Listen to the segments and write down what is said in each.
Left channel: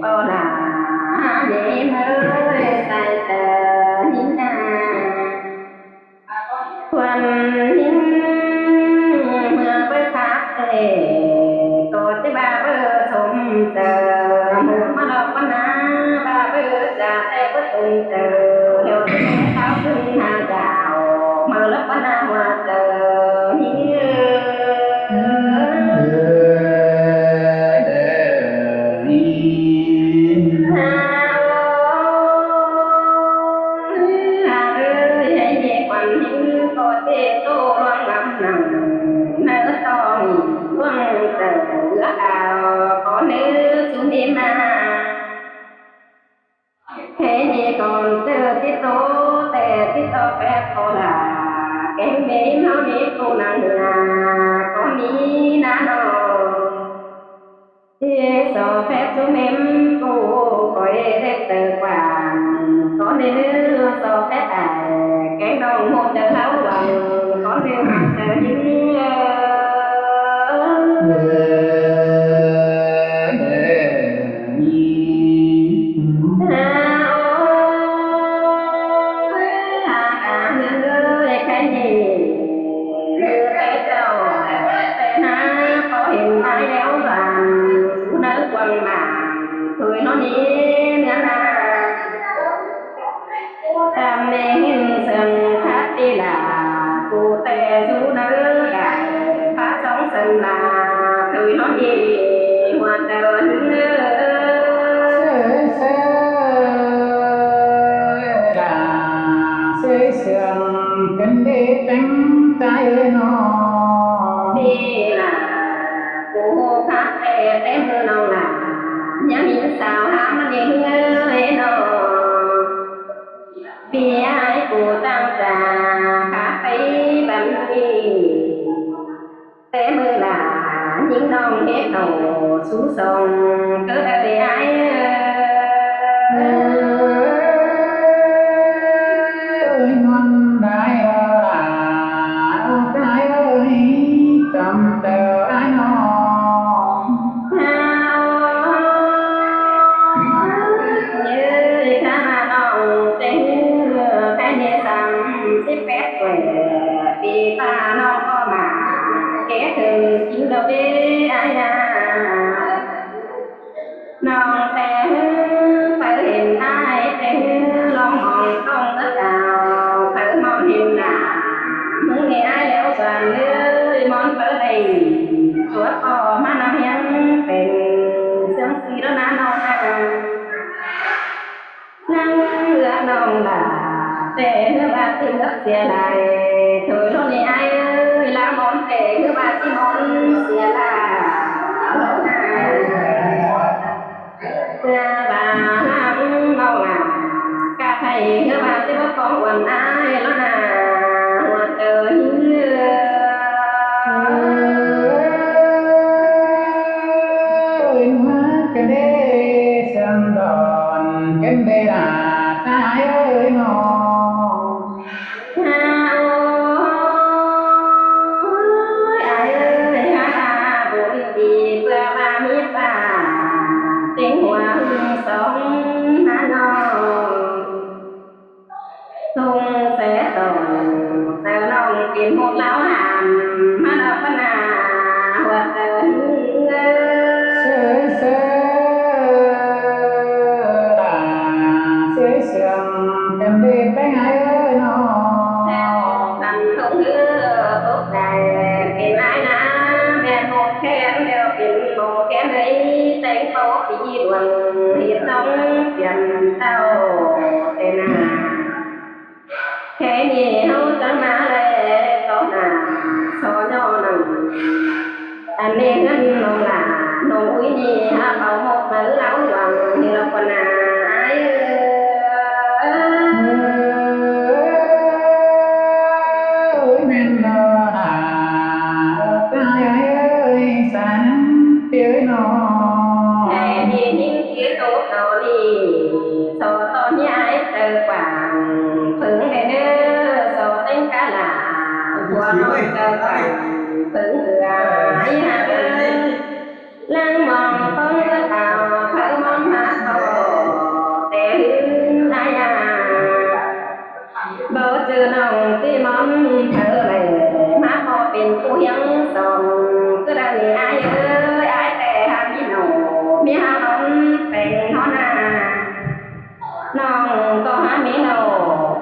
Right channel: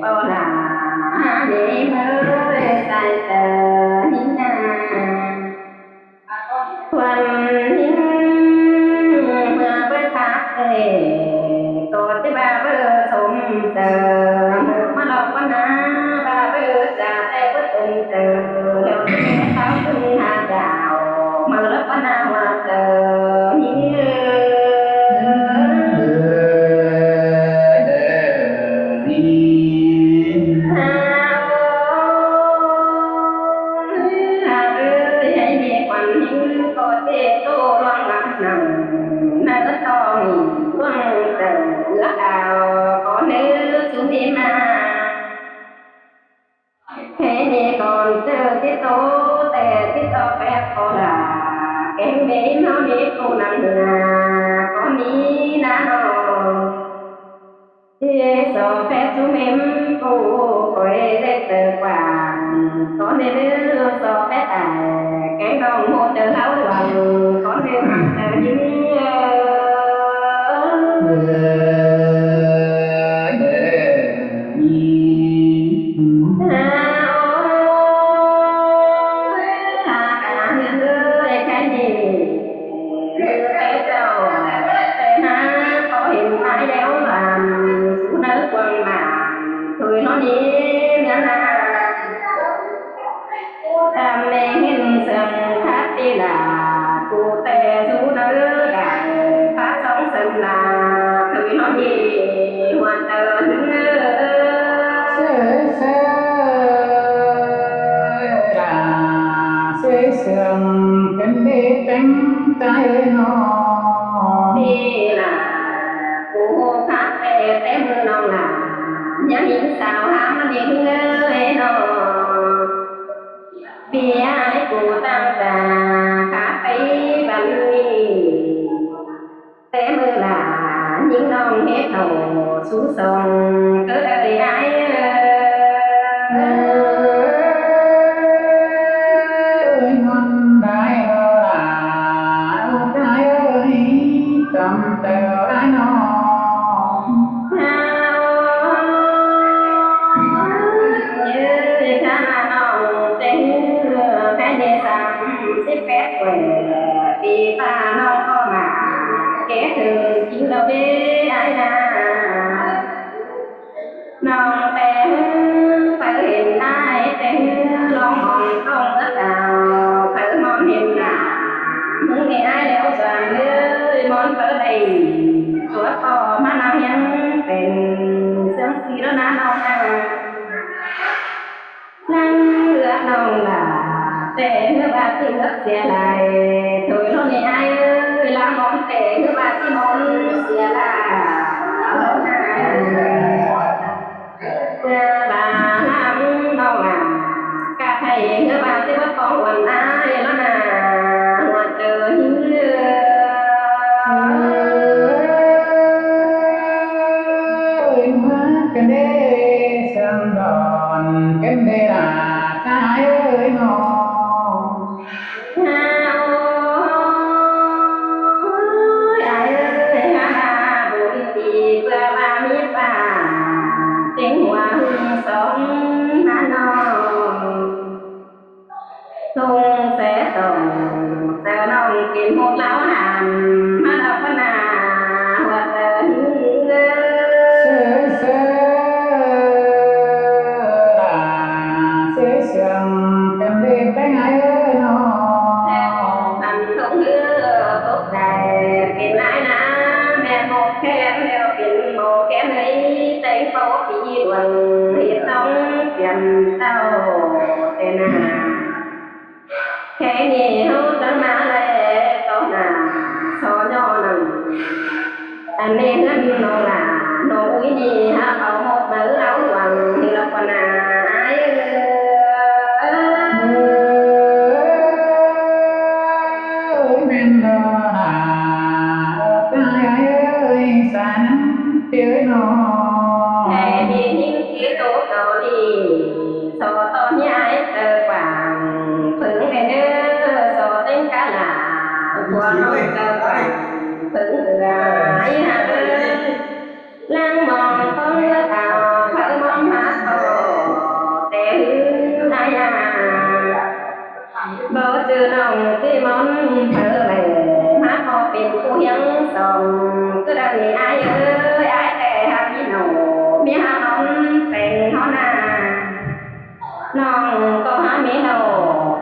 bao là để mới sai chờ hình quan hình mà bơi khác để có thể ba bơi sum chờ một mà lộc quan na ba bơi trà tê bơi sum chờ đều thế taoขึ้นhà rào mà lộc quan na hòa chờ hình quan những có thể tô loang lắm nằng nỡ tòng loang dầu ước ao có nữ xuống im thế này còn chờ tiết tố tè tiết cho phép cô là kén bếm hao nếp cô năng nửa có ní ná đồ thế cho phép chúng em cô coi để từ quảng có nên nữ cho phép kén đồng một chờ lão luồng có nên chờ những cái gì như té trâu té ná có hình ai đéo dàn chú nỡ quăng màng thôi nó ní nữa na tam mê hình sừng tháp đi là cô tè chú nỡ đại phát sóng sân là thôi nó đi hòa chờ những xây sương cần để bánh trái ơi nó đi là cô khác tè té mưa nào là nhớ hình sao ham nó đi luôn ơi nó vì ai cô tăng trà khác thấy bánh té mưa là những non hết hầu sú sông cứ đời ai ngon đại đó là đó trái ơi tầm tờ ai nó như khá là nòng tên cái này xăm xếp phép tuổi vì ta nông có mà kế thường chính đâu đi ai nòng tên phải hình ai tên lòng mong không ước nào phải món hình mừng ngày ai leo doàn nơi món phở đầy chúa có mà năng hiến phèn sướng xì đó ná nông năng ước nông là tệ ngư bà chỉ ước xìa lại thôi lo này ai ơi lang món tệ ngư bà chỉ món xìa là bà lang đâu là cả thầy ngư bà chỉ bớt con quần ai lo nà hòa chờ những cần đê sương đòn cần đê là trái ơi nó ôi ai ơi ha là buồn đi bữa ba mi ba tiếng hoa hương sống há nó tung sẽ tổng giờ nông kín một lão hàn mà đọc văn hoa giờ những sới sương cần đi bánh ai ơi nó thành không hứa phúc dàiเป็นai na bèn một khen đềuเป็นmột khen ấy tên phố phí đường hiệt sống chìm sao tên cái này hô chẳng má lệ to nà so nhỏ nằng anh này hơn nông là nông úi ni ha bảo một mà lão luồng thì lộc quan ai ơi men đó là đó trái ơi xa nhắn tiếng nó thế đi những chiếc tốt đó đi so to mi ai tờ quảng phương để nữa so tên cá là của nông tờ quảng phương vừa ai ha ơi lang mòn con ngứa tàu phở món mát bò tè hư ai à bố trừ nòng chỉ món phở lệ má phòเป็นผู้ยังส่งcứ đànนี่ai ơi aiแต่หามีหนูมีหักนอนแต่งเฮานาน้องก็หามีหนู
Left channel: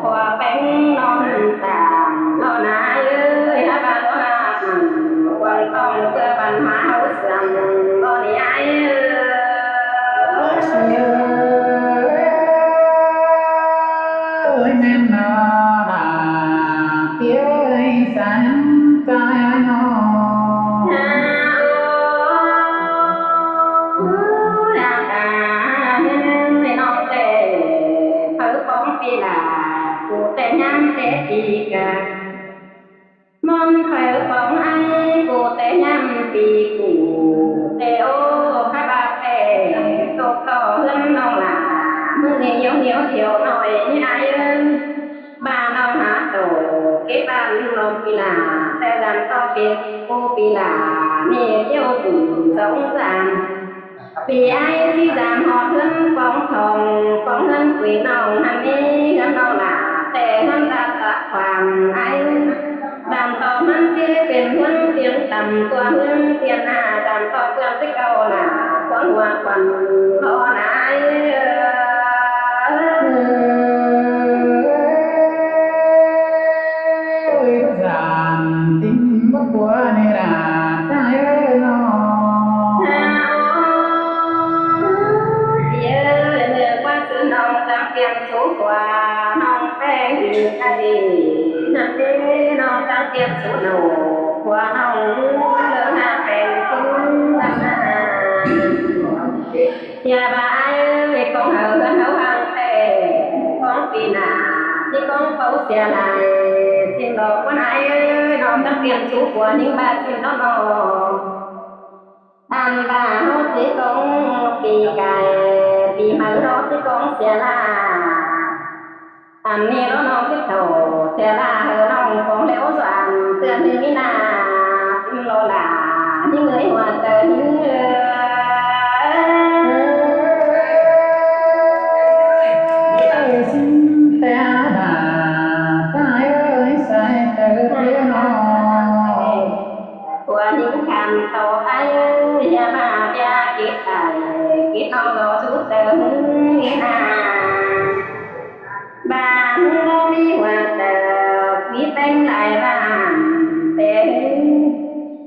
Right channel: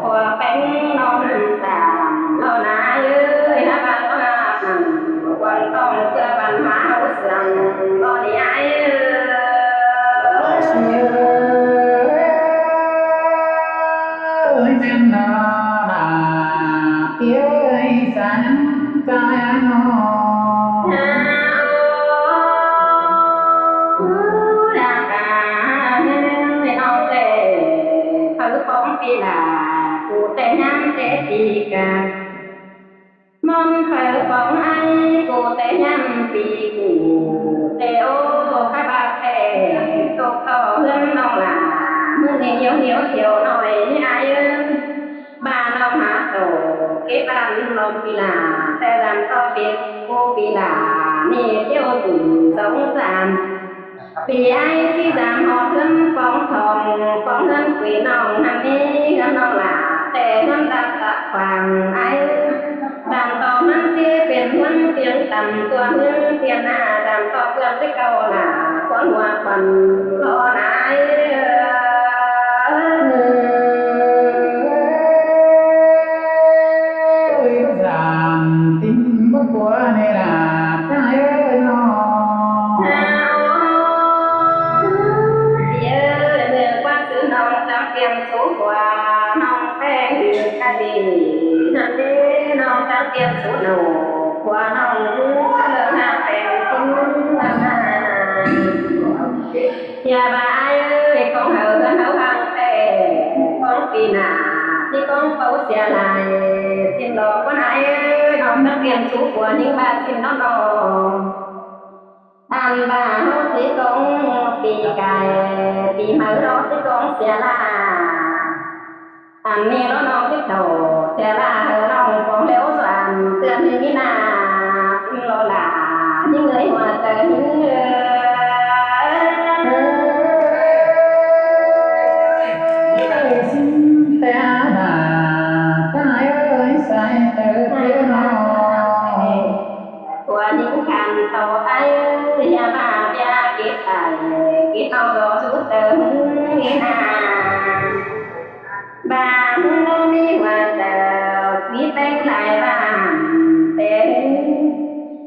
พวแป้งนอนสามเฮานาเอ้ยหาบาหลวงอาบนั่งกวางต้องเพื่อบันหาเฮาเสื่องบ่นี่ai ơi men đó đà phía xa nhắn trai ai nó phong phi là cụ tê nhám tê chi ca món phở phong ai cụ tê nhám phi cụ tê ô khai bạc tê tục to hơn nông là mừng thì nhiều thiểu nói như ai ơi bà nông hát tổ kết ban lom phi là tê dàn to phi cô phi là nê tiêu tử sống giảm vì ai chỉ giảm họ thân phong hơn quỷ nòng hàm ni hơn nòng là tệ hơn giáp tạc hoàng ai giảm toมันเจเป็นห่วงเสียงต่ำตัวเมืองเตียนอาgiảm toเพื่อนที่เก่าหนาขวางหัวควันรอนายơi bất giảm tính bất của này là trai ơi nóเมื่อว่าซื้อน้องจังเปลี่ยนสูกว่าน้องแป้งอีกไก่นั่นเด้น้องจังเปลี่ยนสูหนูกว่าน้องเลิกหาแป้งจริงนั่นนะอย่าบ่ายเอ้ยกองเฮือนเฮาหังแต่กองปีหน้าที่กองเป้าเสียลายสิ้นดอกวันอายเอ้ยน้องจังเปลี่ยนสูกว่าหิงบาสิ้นดอนออันบ่าเฮาสิกองปีไก่ปีมาเราสิกองเสียลาอันนี้แล้วน้องคิดโถเสียลาเฮอน้องฟองแล้วสวนเตือนถึงนี่นาสิมโลลาหิงเอ้ยหัวเจอหิงxin ta bà trai ơi sai tớ phía nó ตัวนิ่งคันต่อไปอย่าบ้าเบียคิดไอ้คิดเอารอสุดเจอมึงอีนาบ้ามึงบ่มีหัวเจอมีแป้งหลายบ้านแต่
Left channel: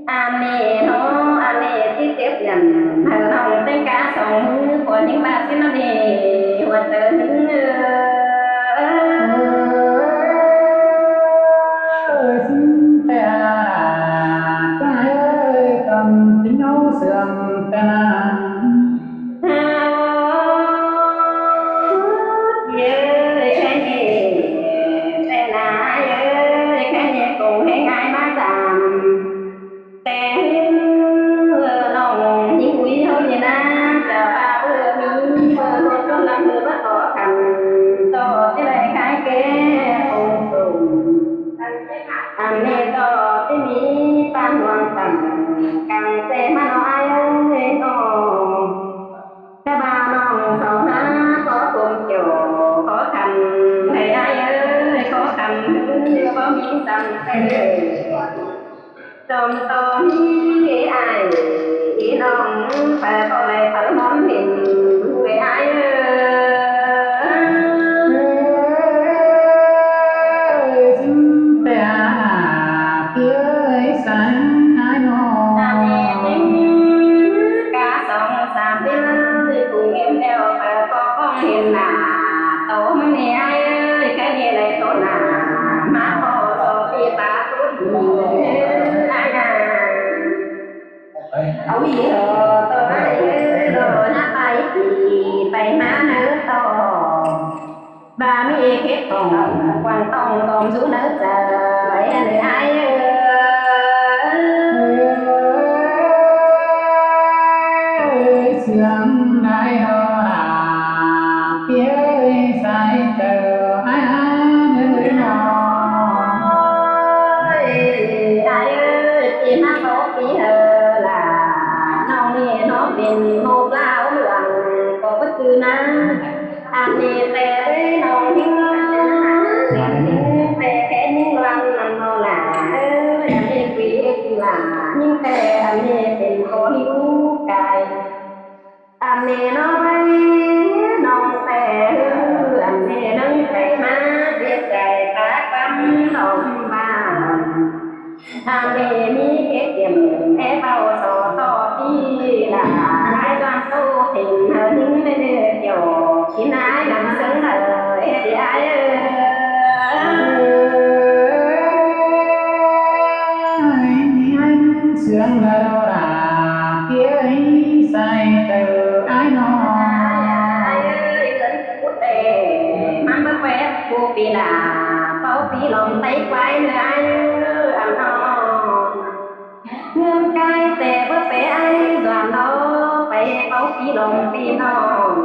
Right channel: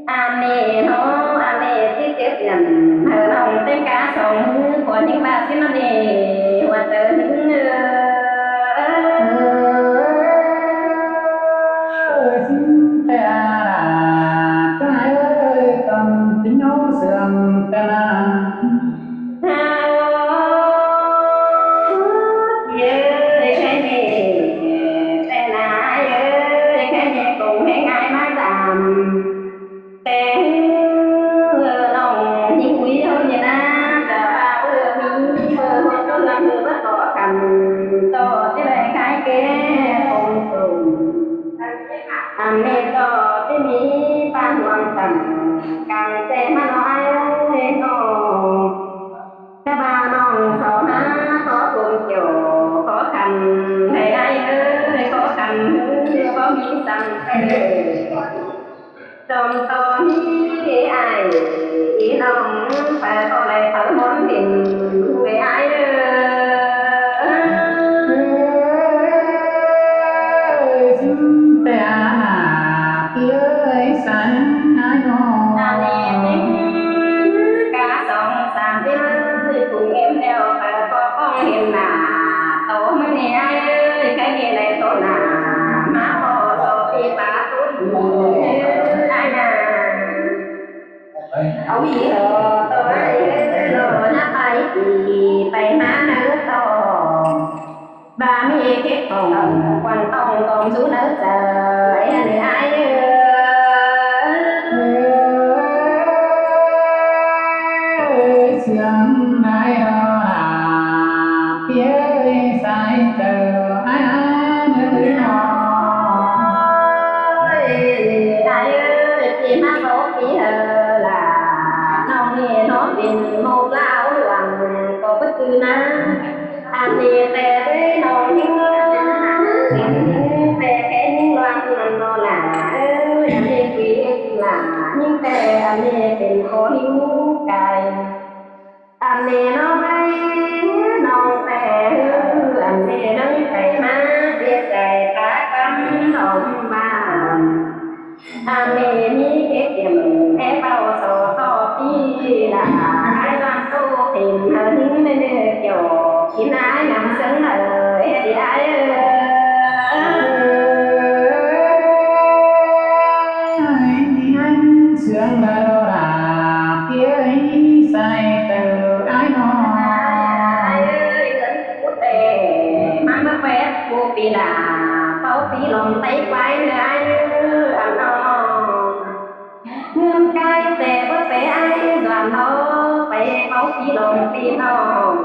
อันนี้เนาะอันนี้ที่เจ็บเงินเธอน้องเต้นกาสองมือผัวนิ่งบ้าสินั่นเองหัวเจอนิ่งxin ta là trai ơi cầm tính nhau sườn tên à ơi cái gì tên ơi cái gì cùng hay ngài má giảm tên nòng những quý hôi như na chờ ba bữa mi bữa hôn có lần hư bất khó khăn cho cái này khai kế cùng cùngอันนี้ต่อที่มีปานดวงต่ำกลางเจมาน้องไอ้น้องกะบาน้องเสาหน้าขอคุมเกี่ยวขอคำให้ไอ้ขอคำบ่มีสั่งเตจอมต่อมีไอ้น้องแฝดก็เลยเผลมอนเห็นมึงไอ้แต่ละปีเอ้ยสานันไอ้น้องอันนี้ติ้งกาสองสามปีมือถุงเอ็มเดียวเปิดก็คงเห็นหน้าโตมึงนี่ไอ้เอ้ยแค่นี้เลยโตหน้ามาพอโซปีปาตัวดีไอ้น่ะเอาอีเหรอตัวไอ้เอ้ยโลนะไปปีไปมาเนื้อตองbà mi kết hồng quăng tông tôm xuống nở trời nữ ai ơi sương đại đó là phía sai chờ ai nữa nó ai ơi phía mắt phố phía là น้องนี่เนาะเป็นโมดลาวหลวงก็บ่จือนะอันนี้แต่เว้ยน้องหิงเนาะเป็นหิงแต่แค่ยิงลวันนั่นเนาะล่ะเอ้ยอันนี้คุยสิล่ะยิงแต่อันนี้เป็นคอลิ้วไก่อันนี้เนาะเว้ยน้องแต่อันนี้ลังแต่มาเสียใจปากปั๊มดอมบ้านอันนี้มีเกตเตรียมแอบเอาโซต่อพี่ล่ะไอ้จวนตู้ถิ่นเฮนิ่งได้เนื้อเกี่ยวกินไอ้งำซึ้งเด้อเฮ็ดไอ้นี่ไอ้มันเสียงได้ดอดาเปียใส่เจอไอ้น้อไอ้เงินพูดแต่มันเป๊ะผู้ปีล่ะเป้าปีลมไต้ไว้เนื้อไอ้เนื้ออันน้องเงินไกลแต่เพื่อไปไอ้ส่วนดอกไปเป้าปีลมปีน้อง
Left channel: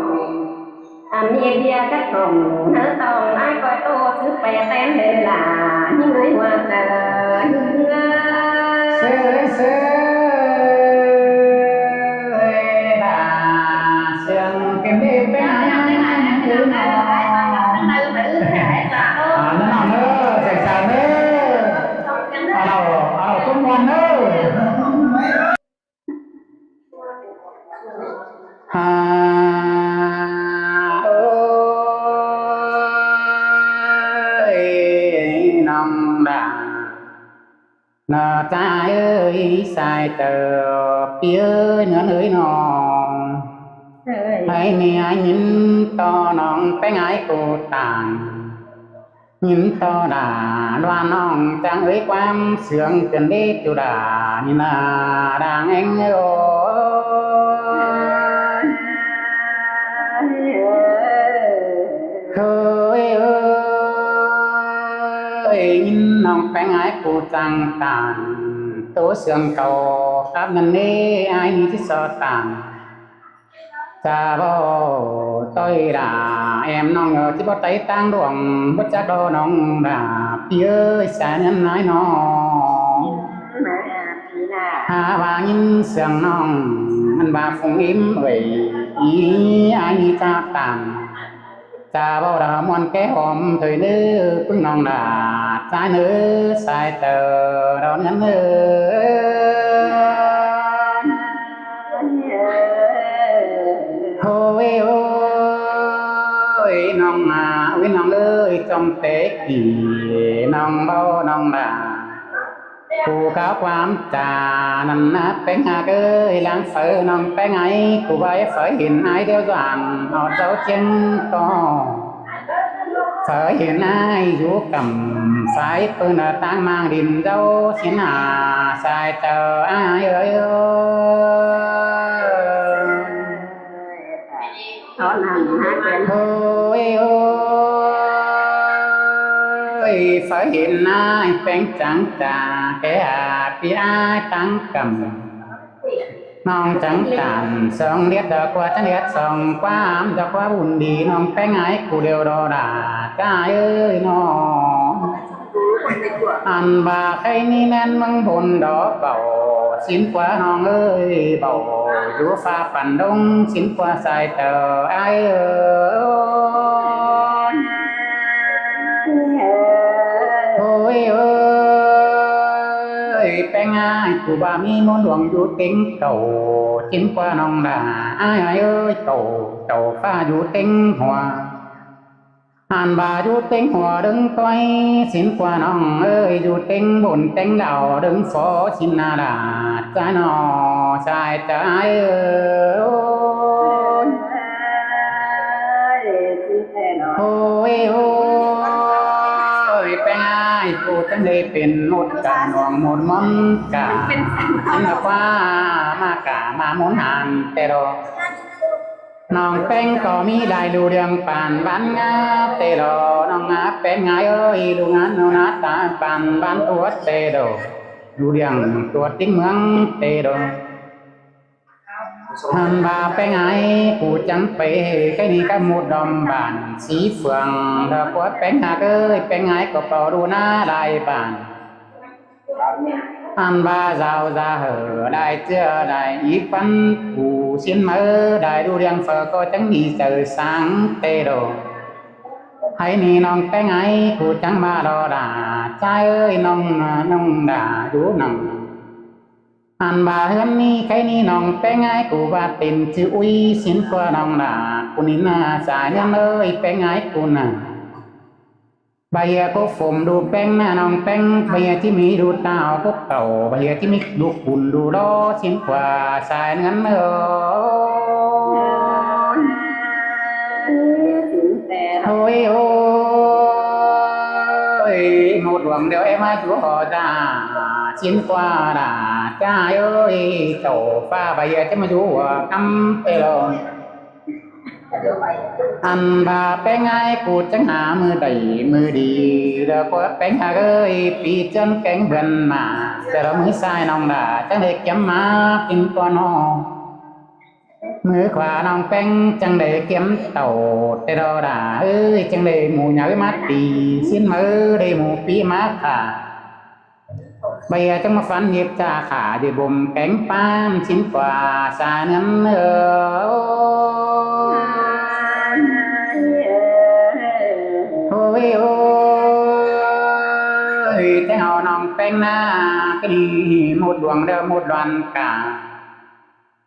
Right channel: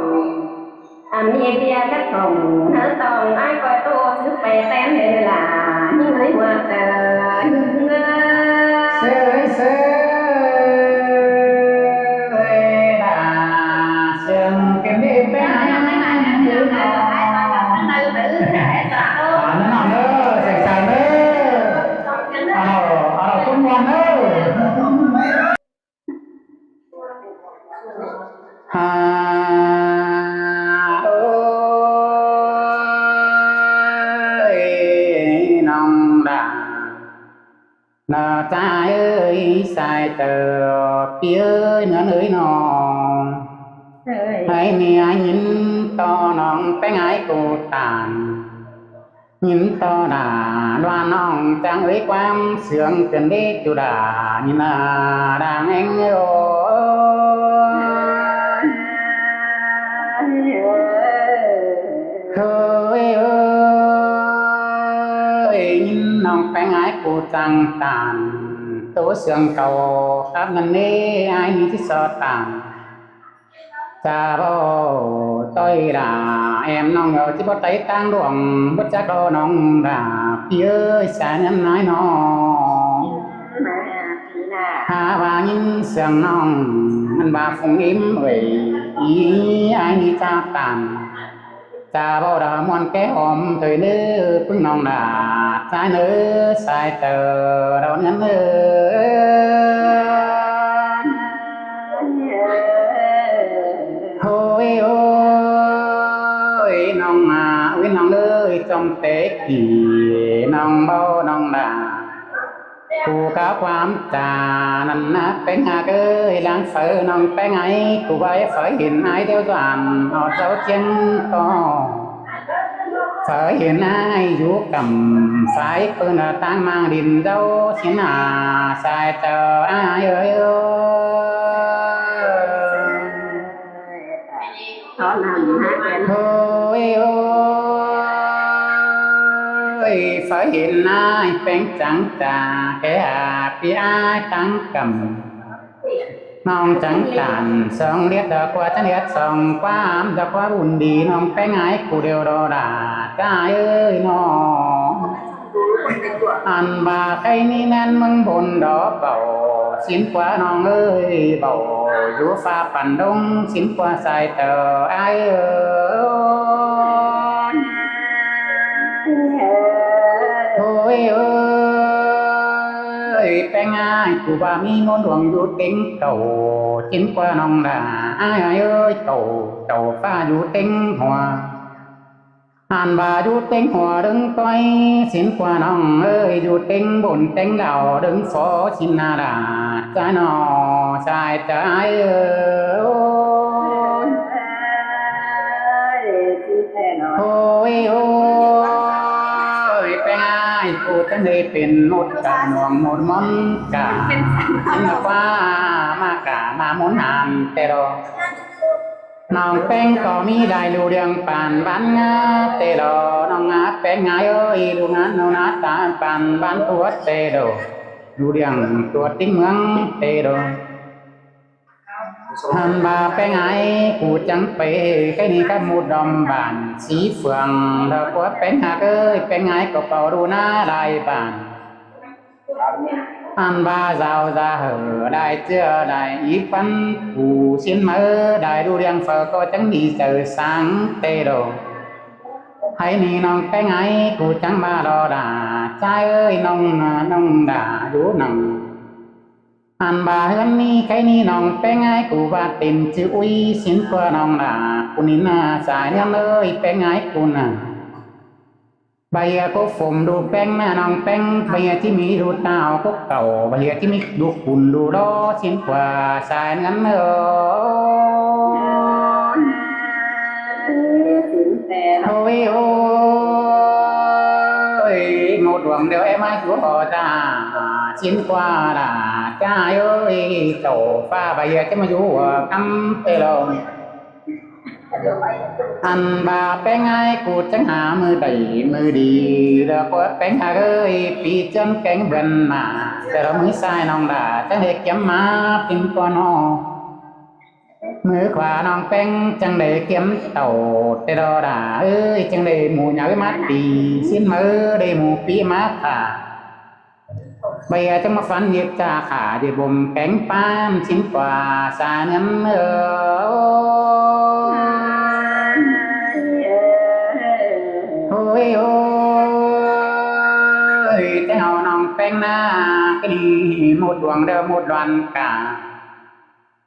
อันนี้เบียร์คัดของเนื้อตองไอ้ก้อยโตซื้อไปเต้นได้เนื้อล่ะยิ่งเอ้ยว่าเจอยิ่งเอ้ยเสยดาเสียงเป็นได้เป็นไงนั่นเอาเนอะเสียงสาวเนอะเอาเราจุ่มวันเนอะฮ่าโอ้ยน้องดานาใจเอ้ยใส่เจอเปียเนื้อเอ้ยน้องให้เนี่ยยินต่อน้องไปไงกูตานยินต่อด่าว่าน้องจังเอ้ยความเสื่องเกินได้จุดานี่นาดังเอ็งโอ้เฮ้ยเอ้ยยินน้องไปไงกูจังตานตัวเสื่องเก่าครับนั่นนี่ไอ้นี่ที่สอตานจะบ่ต้อยด่าแอมน้องเออที่บ่ไต่ตั้งดวงบ่จักดอน้องด่าพี่เอ้ยสาเนื้อน้อยน้องหาว่ายินเสียงน้องมันบาฟุงอิ่มเอ้ยอีไอ้นี่จะตานจะบ่ด่ามวนแก้หอมเถยเนื้อพึ่งน้องด่าใจเนื้อสายเตอดอนเงินเอ้โอ้ยโอ้ยน้องวิน้องเอ้ยจอมเตะกี่น้องเบาน้องด่าผู้ก้าวความจานั่นนะเป็นหากเอ้ยล้างเสือน้องเป็นไงกูไปเสือเห็นไอ้เดียวจวนเอาเจ้าเจียงก็เสือเห็นไอ้อยู่กับสายปืนตั้งมางดินเจ้าเสียหน้าสายเจอไอ้เอ้ยตอนนั้นฮะเป็นโอ้ยโอ้ยฝ่ายเห็นนายแป้งจังจ่าแก่พี่อายตั้งกำน้องจังตันสองเลียดดอกว่าจังเลียดสองความดอกว่าบุญดีน้องแป้งไอ้กูเดียวดอดาจ้าเอ้ยน้องอันบาใครนี่แน่นมึงบนดอกเบาสินกว่าน้องเอ้ยเบาอยู่ฟ้าปั่นดงสินกว่าใส่เตอไอ้เอ้ยโอ้ยเอ้ยแป้งอ้ายกูบ่ามีมนต์ดวงอยู่เต็งเก่าสินกว่าน้องด่าอ้ายเอ้ยเก่าเจ้าฟ้าอยู่เต็งหัวหันบาอยู่เต็งหัวดึงต้อยสินกว่าน้องเอ้ยอยู่เต็งบนเต็งดาวดึงฝอสินนาดาใจนอใจใจเอ้ยโอ้ยโอ้ยแป้งอ้ายกูจังเลยเป็นหมดกะหน่วงหมดมอนกะสินกว่ามากะมาหมุนหันแต่ดอน้องแป้งก็มีได้ลูเรียงปานบ้านงาเตโดน้องงาแป้งงาเอ้ยลูงานนูนาตาปานบ้านตัวเตโดลูเรียงตัวติ้งเมืองเตโดหันบาแป้งไงกูจังไปใกล้นี้ก็มุดดอมบานสีเฟืองเธอก็แป้งหาเอ้ยแป้งไงก็เป่าดูหน้าลายบาน an ba giàu ra hở đại chưa đại ý phân phù xin mơ đại đu điang phở có chẳng đi chờ sáng tê đồ hãy ni nong cái ngay cụ chẳng ba đò đà trai ơi nong nong đà dú nằng an ba hơn ni cái ni nong cái ngay cụ ba tình chữ uy xin qua nong đà cụ nín xài nhân ơi cái ngay cụ nà bây giờ có phồng đồ beng na nong beng bây giờ chỉ mi đồ tao có cầu bây giờ chỉ mi đồ cùn đồ đó xin qua xài ngắn thôi ôi một luồng đều em ai chúa họ ra xin qua là cha ơi tổ pha bây giờ chứ mà chú cắm tê lồn anh bà bén ai cụ chẳng hạ mưa đầy mưa đi đó có bén hạ ơi bị chân cánh bần màแต่เรามือซ้ายน้องด่าจังเด็กย้ำมากินก่อนอมือขวาน้องแป้งจังเด็กเก็มเต่าแต่เราด่าเอ้ยจังเด็กหมูหยาไว้มาตีสิ้นมือเด็กหมูปีมาขาbây giờ trong một phần nhiệt trà khả để bùm cánh pan chín quả xa ngắn ôi ôi thế hào nòng bánh na cái này một đoàn đơ một đoàn cả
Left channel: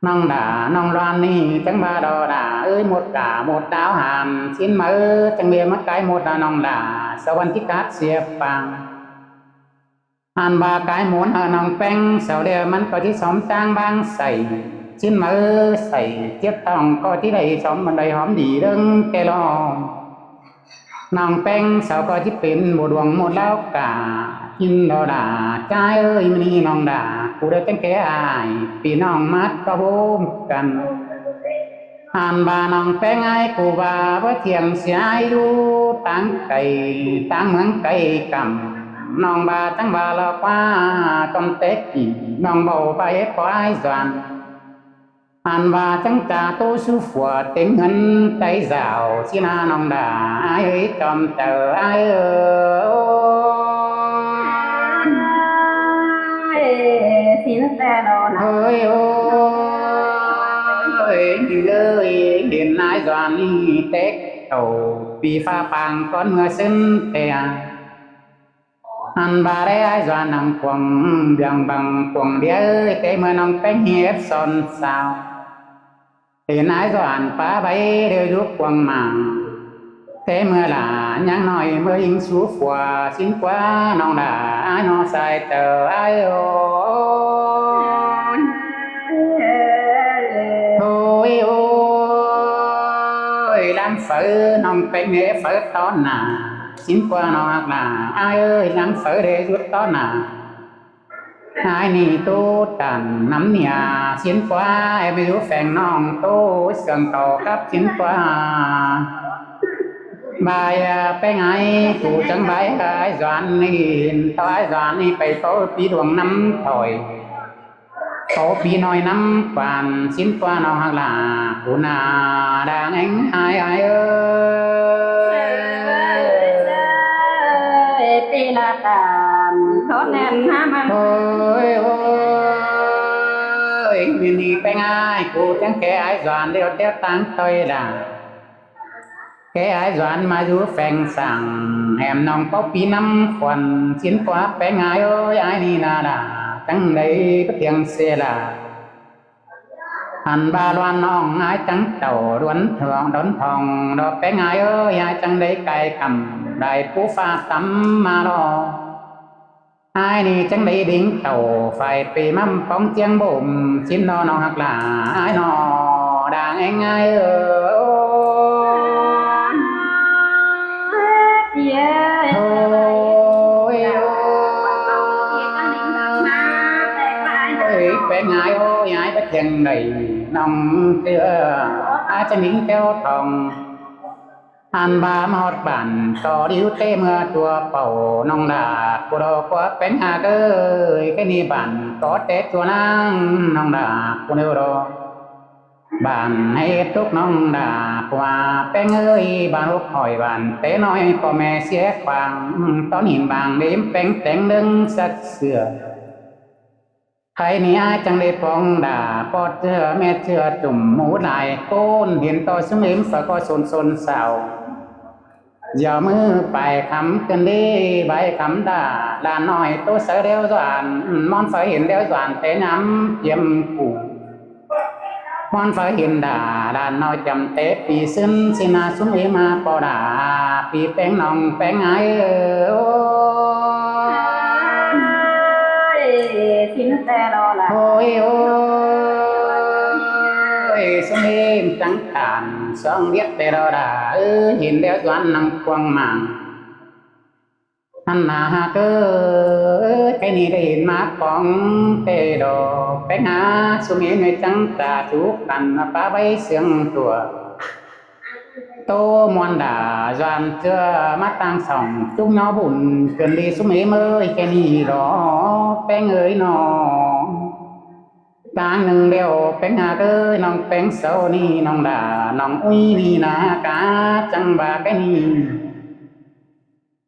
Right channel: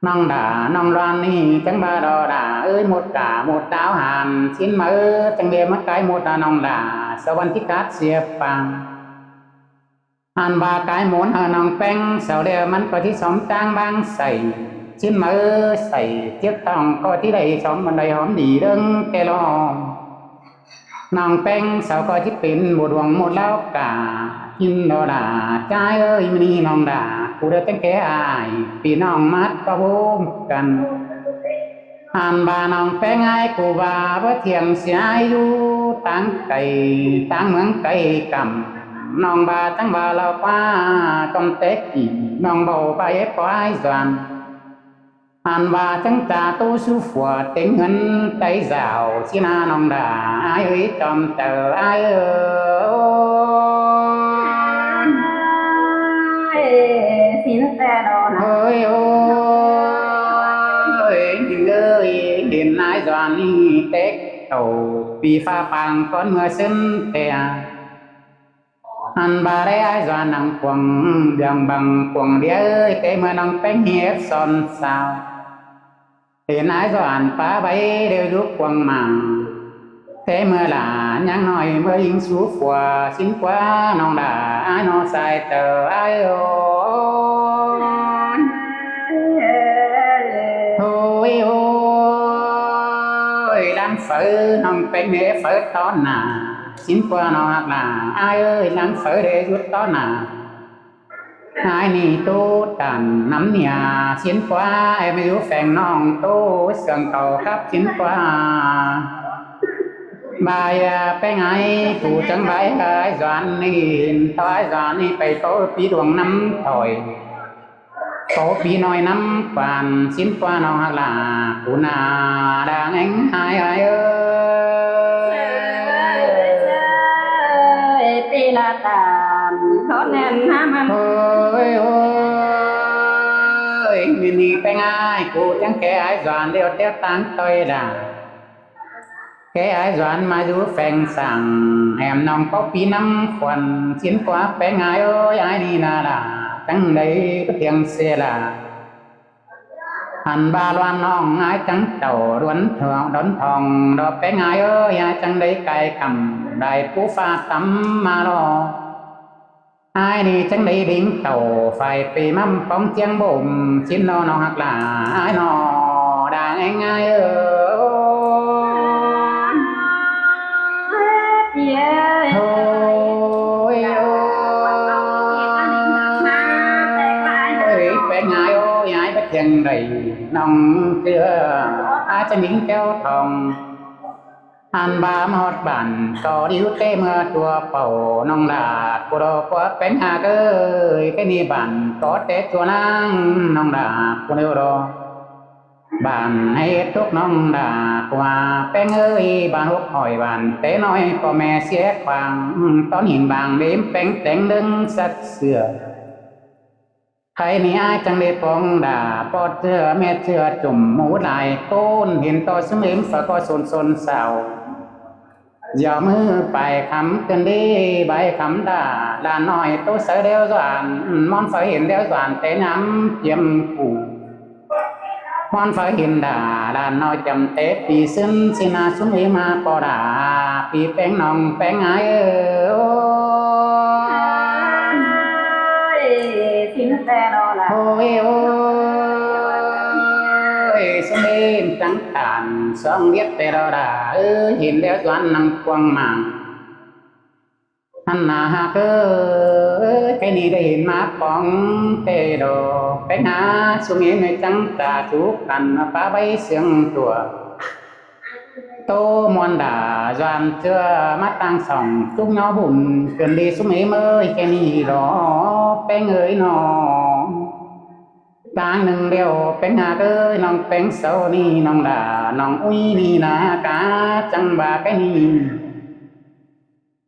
nòng đà nòng loan ni chẳng ba đò đà ơi một cả một đáo hàn chín mơ chẳng bề mất cái một là nòng đà sau văn chiếc cát xìa bằng anh ba cái muốn ở nòng bánh sau đây mình cóที่xóm trang bangใส่chín mơใส่tiếp tòng cóที่đầy xóm bên đây hóm đi đừng kê lo nòng bánh sau cóที่เป็นmộtดวงmộtแล้วกะกินดอด่าใจเอ้ยมันนี่น้องด่ากูได้จังแค่อายปีน้องมัดก็พมกันอันบาน้องแป้งไอ้กูบาเพื่อเทียงเสียอยู่ตั้งไก่ตั้งเมืองไก่กำน้องบาจังบาเรากว่าจอมเต็กอีน้องเบาไปปล่อยสวนอันบาจังจ่าตู้สู้ฝัวเต็งเงินใจสาวสินาน้องด่าไอ้เอ้ยจอมเจอไอ้เอ้ยสินแต่ดอนเฮ้ยโอ้ยเอ้ยเห็นนายจวนนี่เต็กโตปีฟ้าปังก้อนเมื่อสิ้นเตียanh bà đây ai doan nằng quăng đường bằng quăng đĩa ơi tế mưa nằng bánh hiếp son sao hiện ai doan phá bay đều giúp quăng màng tế mưa là nhang nói mưa in xuống phùa xin quá nòng đà ai nó sai chờ ai ôi thôi ôi đang phở nòng bánh nghệ phở to nà xin qua nó hoặc là ai ơi lắng phở để rút to nà ai nì tô tàn nắm nhà xin qua em mới rút phèn nòng tô sườn cầu khắp xin qua bài bé ngay cụ chẳng bài ai doan nhìn tao ai doan đi phải tô pi đường năm thổi tô pi nói năm quan xin qua nó hoặc là cụ nà đang anh hai ai ơiปีละตามทอดแน่นห้ามันโอ้ยโอ้ยมินีไปง่ายกูจังแค่ไอ้จวนเดียวเตี้ยตั้งตัวด่าแค่ไอ้จวนมาดูแฝงสั่งแหมน้องเป้าปีน้ำควันสินกว่าไปง่ายโอ้ยไอ้นี่นาด่าจังได้ไปเทียงเสียล่ะอันบาลวนน้องไอ้จังเต่าล้วนทองดนทองดอกไปง่ายเอ้ยไอ้จังได้ไก่กำได้ปูฟ้าตำมาดอไอ้นี่จังได้ดิ่งเต่าไฟปีมั่มปองเจียงบ่มชิ้นนอน้องหักหลาไอ้นอด่างเองไงเอ้ยโอ้ยไปง่ายโอ้ยไอ้ไปเทียงใดน้องเชื่ออาจะนิ่งเจ้าทองอันบามฮอดบันก็ดิ้วเต้เมื่อตัวเป่าน้องดากูรอกว่าเป็นหาเกยแค่นี้บันก็เตะตัวนั่งน้องดากูเนื้อรอ บ้านให้ทุกน้องด่ากว่าแป้งเอ้ยบ้านหกหอยบ้านเต้น้อยพ่อแม่เสียขวางตอนหินบางเดิมแป้งแต่งดึงสักเสือใครนี่อายจังได้ปองด่าปอดเจือแม่เจือจุ่มหมูลายโกนเห็นต่อสมิมฝากก็สนเศร้าอย่ามือไปคำกันดีใบคำด่าลานน้อยตัวเสือเดียวสานมอนไฟเห็นเดียวสานเตะย้ำเยี่ยมกูมอนไฟเห็นด่าลานน้อยจำเตะปีซึนสินาสุมเอมาปอด่าปีแป้งน้องแป้งไอโอ้สินแต่รอละ โอ้ยโอ้ยสมิมจังตานสองเรียกแต่เราด่าเห็นเดียวสวนนังกวางมังฮันนาฮาเกอใครนี่ได้เห็นมาปองเตโดไปหาสุมีในจังตาสุกันป้าใบเสียงตัวโตมวนด่าจวนเจือมาตั้งส่องจุกน้อบุญเกินดีสุมีเมยแค่นี้รอแป้งเอ้ยนองกลางหนึ่งเดียวเป็นหาเอ้ยน้องเป็นเสานี่น้องด่าน้องอุ้ยนี่นากาจังบาแค่นี้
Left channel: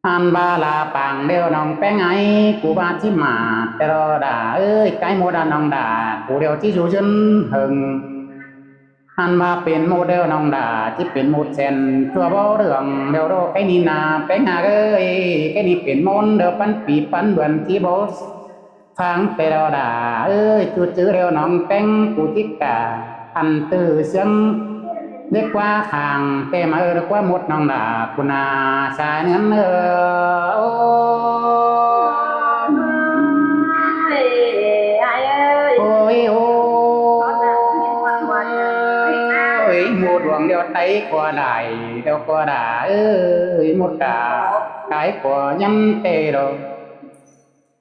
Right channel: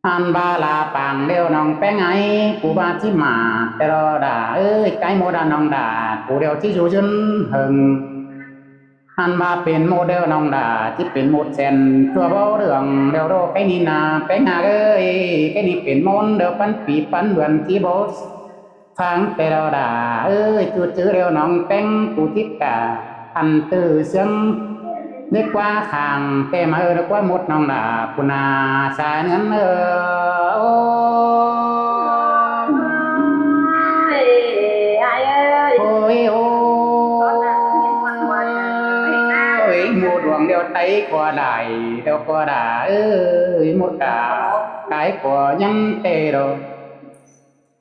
อันบาลาปังเดียวน้องแป้งไงกูบาที่มาแต่รอด่าเอ้ยไกโมดาน้องด่ากูเดียวที่อยู่จนหึงอันบาเป็นโมเดลน้องด่าที่เป็นโมดเซนตัวเบาเรื่องเดียวโรไกนี่นาแป้งหาเอ้ยไกนี่เป็นมนเดียวปันปีปันเบือนที่บอสฟังแต่รอด่าเอ้ยจูจื้อเดียวน้องแป้งกูทิกาอันตื้อเสียงเรียกว่าขางเต็มาเรียกว่าหมดน้องด่ากุนาสายเนื้อโอ้โอ้ยโอ้ยหมูดวงเดียวไตขวาไหลเดียวขวาด่าเอ้ยหมดกากายขวายันเตโด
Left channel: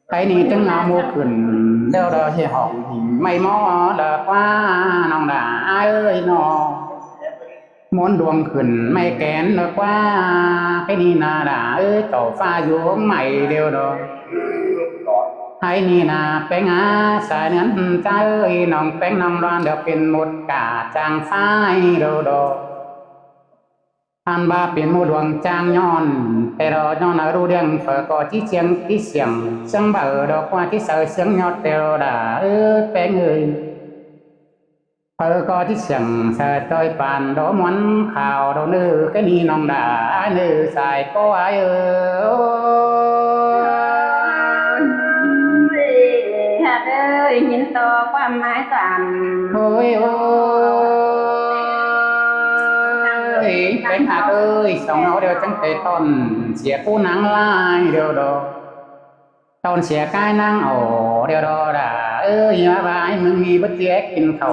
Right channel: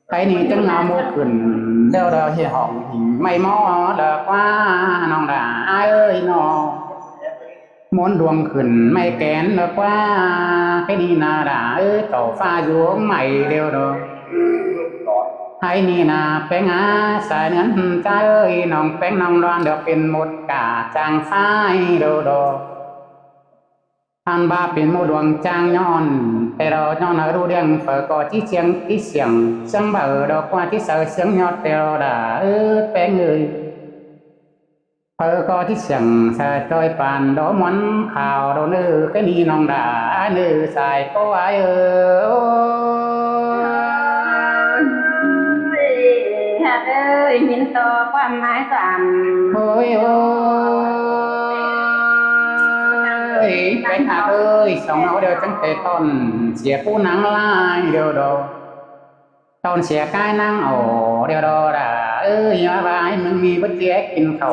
ไอ้นี่จังเงาโมขึ้นเดียวเดียวเหี่ยห้องหิ่งไม่มอเลิกว่าน้องด่าเอ้ยน้องมนดวงขึ้นไม่แกนเลิกว่าไอ้นี่นาด่าเอ้ยต่อฟ้าอยู่ห้องใหม่เดียวเนาะไอ้นี่นาแป้งอาสายเนื้อใจเอ้ยน้องแป้งน้องร้อนเดี๋ยวเป็นหมดกาจางฟ้าโดโดอันบาเป็นโมดวงจางย้อนแต่เราย้อนรู้เรื่องเฝอก็ที่เสียงที่เสียงเสียงเบอดอกว่าที่เสือเสียงยอดแต่เราด่าแป้งเอ้ยเฝอก็ที่เสียงเสือจอยปานดอมวันข่าวโดนก็นี่น้องด่าสายก็หักเอ้ยหินต่อความหมายสาม โอ้ยโอ้ยแป้งหักเอ้ยสองเอาเดียวจังเตะต้นเสียกู้หนังลายเดียวดอต้นเสียกายนั่งโอเดียวดอด่ามาบายมึงมีบัตเจ๊กินเขา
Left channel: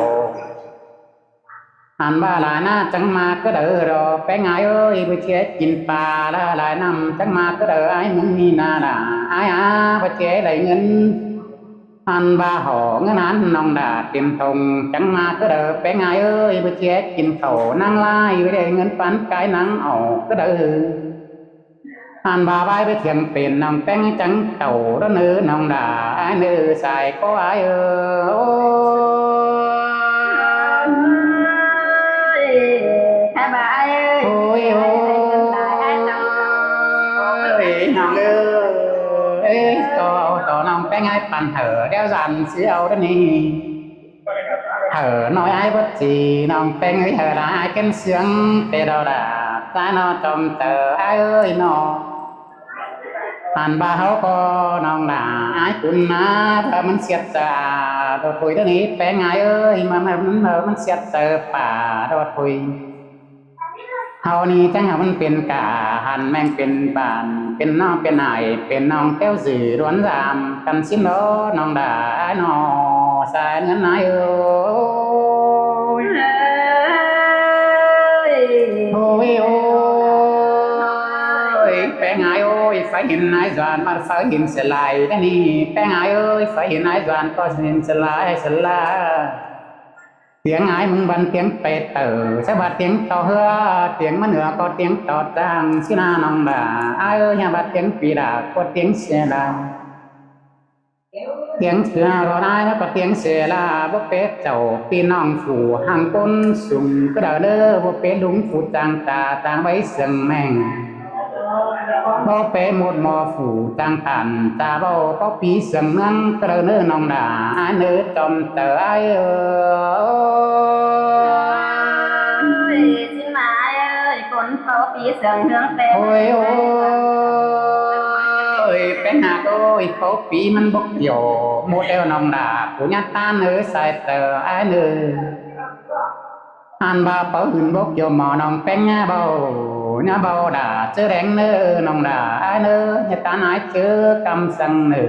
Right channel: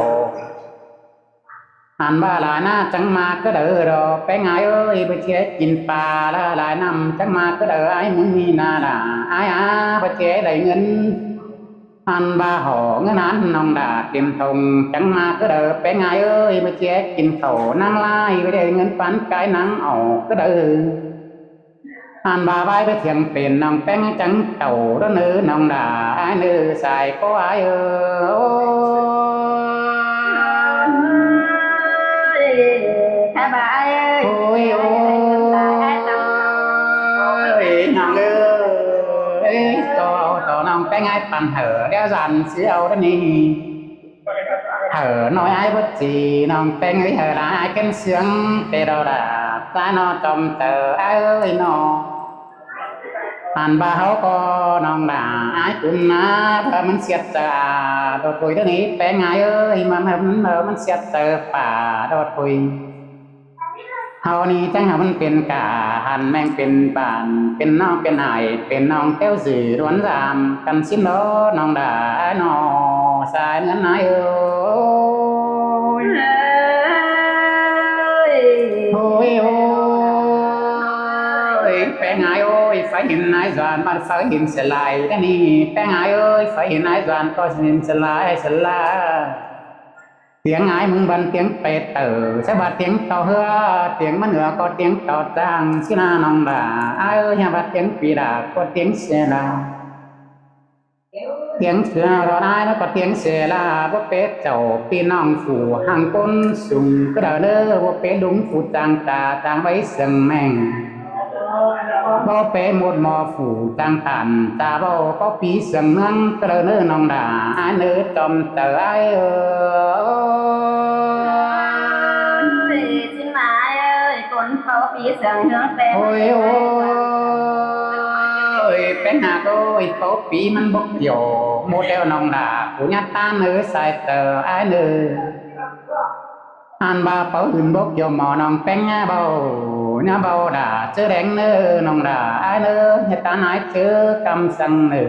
อันบ้าหลายหน้าจังมาก็เด้อดอแป้งเอ้ยบัตเจ๊กินปลาละหลายน้ำจังมาก็เด้อไอ้มึงมีนาด่าไอ้บัตเจ๊ไหลเงินอันบาห่อเงินนั้นน้องด่าเต็มทงจังมาก็เด้อแป้งเอ้ยบัตเจ๊กินเขานั่งไล่ไปได้เงินปันกายนังออกก็เด้ออันบาใบไปเถียงเป็นน้องแป้งจังเต่าด้านน้องด่าไอ้สายก็ไอ้โอ้แค่บ่ายโอ้ยโอ้ยน้องต่อน้องแป้งไอ้ปันเดี๋ยวสันเสียเอาด้านนี้น้อยไอ้บัดจีน้องแป้งได้เกันเสียงเตะดอด่าใจนอจอมเจอไอ้นออันบาเขาก็น้องด่าไอ้คุณนะเพื่อมันเสียเจอโดดถุยด้านนี้แป้งมันเสียเจอป่าโดดถุยเฮานี่จังมันเป็นกาหันแมงเป็นบานเป็นน้องเป็นหายเป็นน้องเต้วสื่อร้วนรามกันสิ้นโดน้องด่าน้อสายเนื้อนายโอ้ยแป้งโอ้ยไฟหินนายจวนมันไฟหินสลายด้านนี้แป้งโอ้ยไฟหินนายจวนก็หินสลายเตียงมึงบันเตียงเป็ดสะบัดเตียงต่อเฮือเตียงมันเหนือก็เตียงต่อจางสินาน้องด่าอย่าบัดเตียงปีดาก็เตียงเสียลาย tiếng thọ đai nó có tiếng xe là bố bé chầu pi nong phủ hàng côn sùng cứ đờ nơ bố bé lúng phủ trang trà trang bấy sừng mèng bố bé một mò phủ trang tàn trà bố pi sừng ngang cứ đờ nơ nong đà ai nơ chom tờ ai ơi xin mãi ơi con tao phí sừng hướng tên ôi ôi bé hạ ơi bố pi mình bốc dầu một đeo nong đà của nhà ta nơ sai tờ ai nơ anh ba bảo huyền bốc cho mò nòng bén nhà bao đã chớ đen nơ nòng đã ai nơ nhà ta nói chớ cầm sang nơ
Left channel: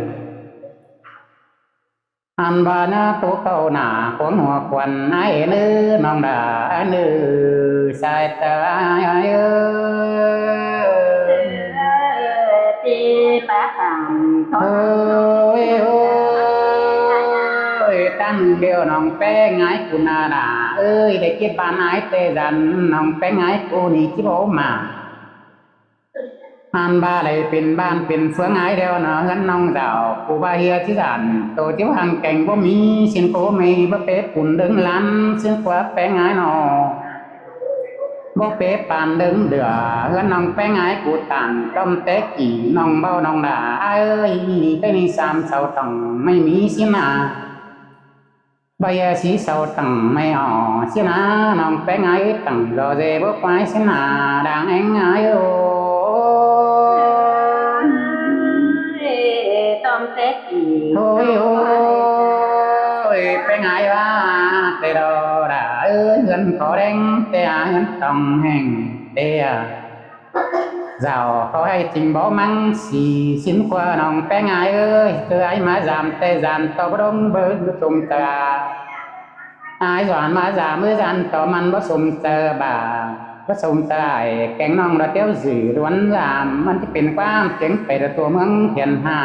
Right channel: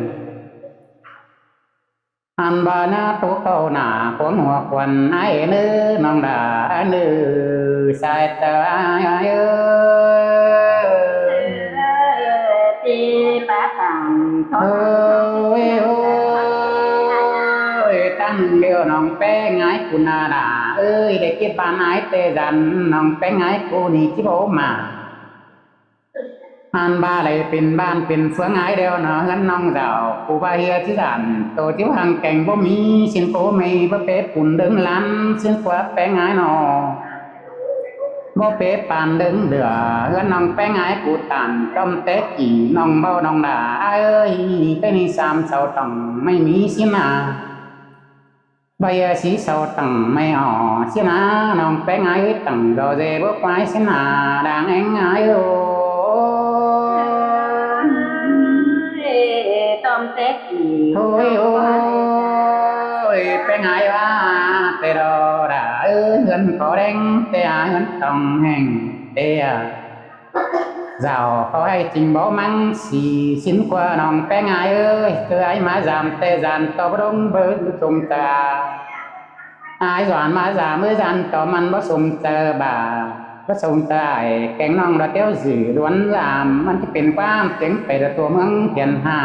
anh ba nhà tổ cầu nà quấn hòa quần ai nơ nòng đã ai nơ sai tờ ai ơi ti bá tàn ôi ơi ta nương điều nòng bé ngái cu na đà ơi để kết ban ái tê dần nòng bé ngái cu ni chí bố mà anh ba lại pin ban pin phương ái đeo nó gắn nòng rào cu ba hia chí dần tổ chí hàng cảnh bố mi xin cố mày bố bé bùn đứng lăn xin qua bé ngái nó bố bé bàn đứng đửa gắn nòng bé ngái cu tàn trong té chỉ nòng bao nòng đà ai ơi cái này xàm sầu tầng mày mi xin à bây giờ chỉ sau tầng mày họ xin à nòng bé ngái ơi tầng rồi về bước quái xin à đang anh ái tôm tết gì thôi ôi bé ngái quá tê đồ đã ơi gần có đen tê à gần tòng hành tê à giàu khó hay trình báo măng xì xin qua nòng bé ngái ơi chứ ai má giảm tê dàn to bất đông bơ sùng tà ai doan má giảm mới dàn to man bất sùng tờ bà bất sùng tờ ai kén nòng đã tiêu dữ đoán giảmมันจะเป็นความเจ๋งไปแต่ตัวเมืองเทียนหา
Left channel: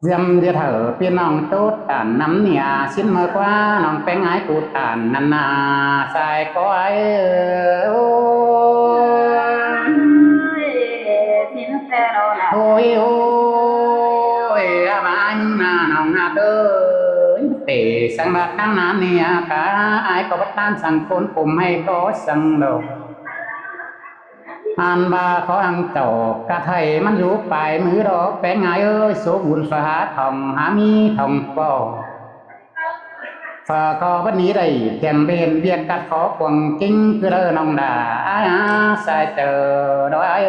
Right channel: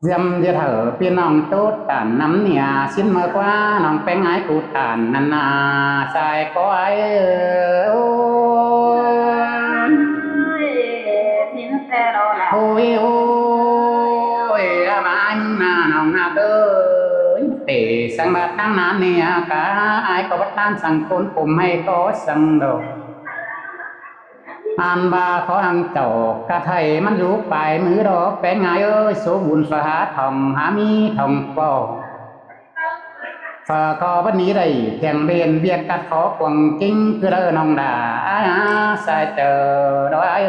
dầm giờ thởพี่น้องtốt tàn nắm nia xin mơ quaน้องแป้งไอ้กูตานนันนาใส่ก็ไอ้สินเตโลละ โอ้ยโอ้ยมาไอ้มึงน่าน้องหาเตยเตะสังบาดตั้งนานเนี่ยกะไอ้ก็บัดตานสั่งคนกลุ่มให้ก็สั่งดอกanh ba khó ăn chậu cả thầyมันรู้ไปมือดอกแป้งไงเอ้ยสูบุญฝาหาทองหามีทองปอฝาคอวันนี้ได้เทียงเบนเบียกกัดขอกวงกิ้งคือเด้อน้องด่าอ้าใส่เจอดอกเอ้ย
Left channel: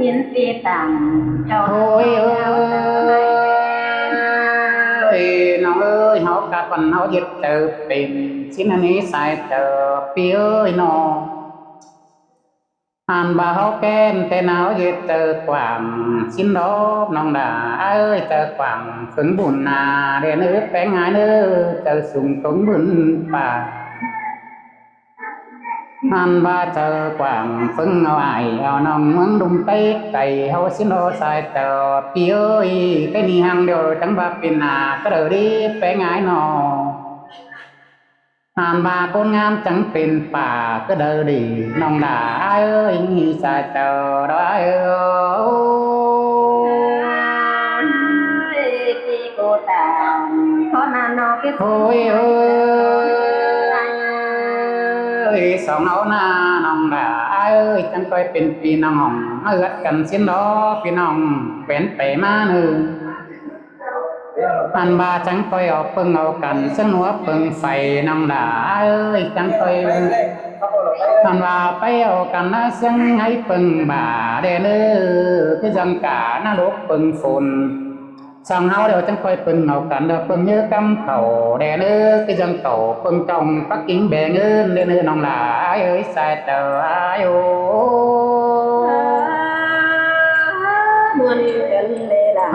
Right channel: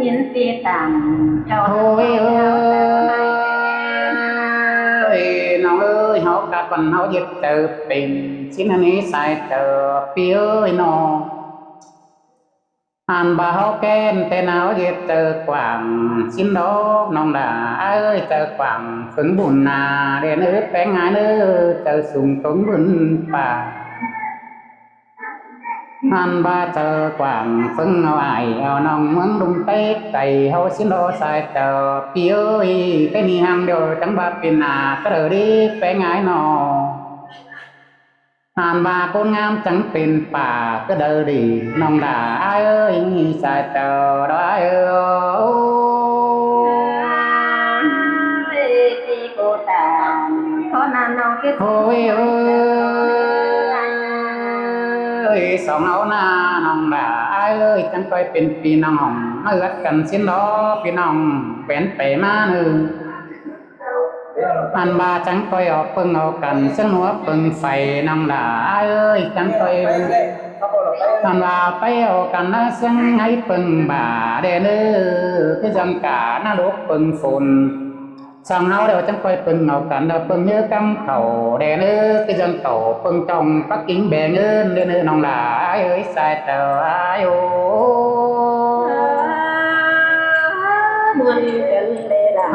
ยินตีต่ำเจ้า โอ้ยเอ้ยน้องเอ้ยเขากัดวันเขาเย็ดเจอเป็นชิ้นอันนี้ใส่เจอปีเอ้ยนออันบ่าเขาแก้นแต่หนาวเย็ดเจอกว่างชิ้นดอกน้องด่าเอ้ยเจอกว่างฝึงบุญนาเดนเอ้ยแป้งงายเนื้อเจอสุ่งตงบุญป่าอันบ่าเจอกว่างฝึงเอาไอ้เอาน้องเมืองดุมเต๊กไก่เขาชิ้นดอกใส่เจอปีเอ้ยcáiนี่หังเดียวจังบ่าเป็นนาก็เด้อดิแป้งงายนออ่านบาโกนงามจังเป็นป่าก็เดินดีน้องด่าเอ้ยใส่เจอดอยเอ้ยพี่กูตามขอนานน้องที่ โอ้ยเอ้ยสองเอาหน้าน้องด่าเอ้ยจังก้อยเป็นปีน้องหงเอื้อกันสิ้นดอพี่น้องเป็นเปมาเนื้ออันบาจังก้อยเอาปึงเอากันซึ่งหัวปึงไฟน้องด่าเอ้ยจังก้อยอันว่าไปเอากันนะซึ่งให้ปึงบ่าเด้อเนื้อคือจังกาหน้าลูกปึงฝนสองเฮาเดี๋ยวจังก้อยปึงเอากันเดี๋ยวปึงเยอะกำเข่าเด้อเนื้อคือจังเก่าปึงจองปักกิ่งแบงเงินเด้อเนื้อน้องด่าเอ้ยใส่เตอโยมวนกันเลยล่ะ